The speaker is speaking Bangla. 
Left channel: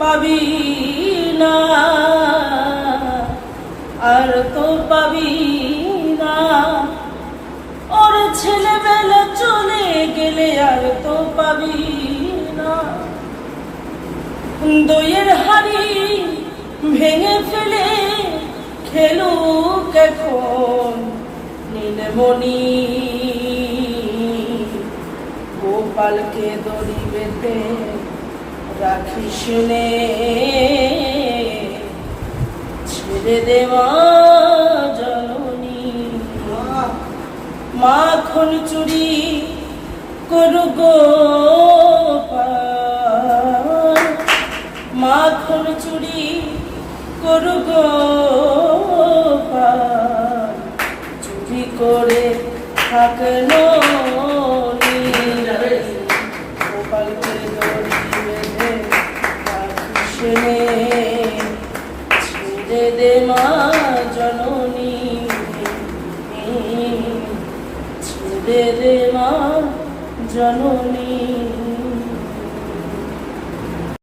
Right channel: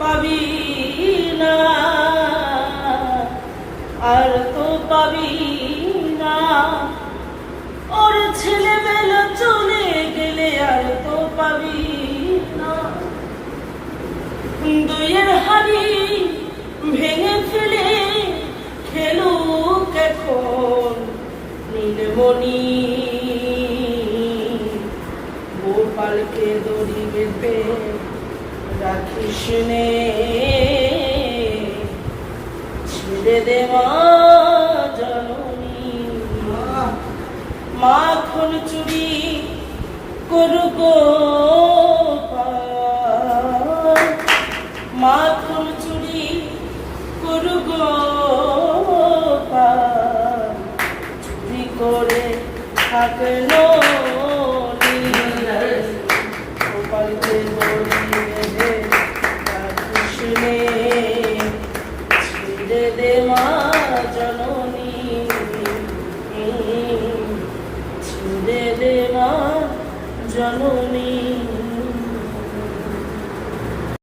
পাবি না, আর তো পাবি না। ওর ছেলেবেলা চলে গেলে আর তো পাবি না। দইয়ের হাড়ি ভেঙে ফেলে খেলুক এখন নীলমণি। গোপালকে দড়ি বেঁধে রাখিস নে, ছেড়ে দে মা জননী। মাখন চুরি করুক গোপাল, মাখন চুরি করুক গোপাল। চুরি করে থাকলো গোপালকে দড়ি বেঁধে রাখিস নে, ছেড়ে দে মা জননী, ছেড়ে দে মা জননী।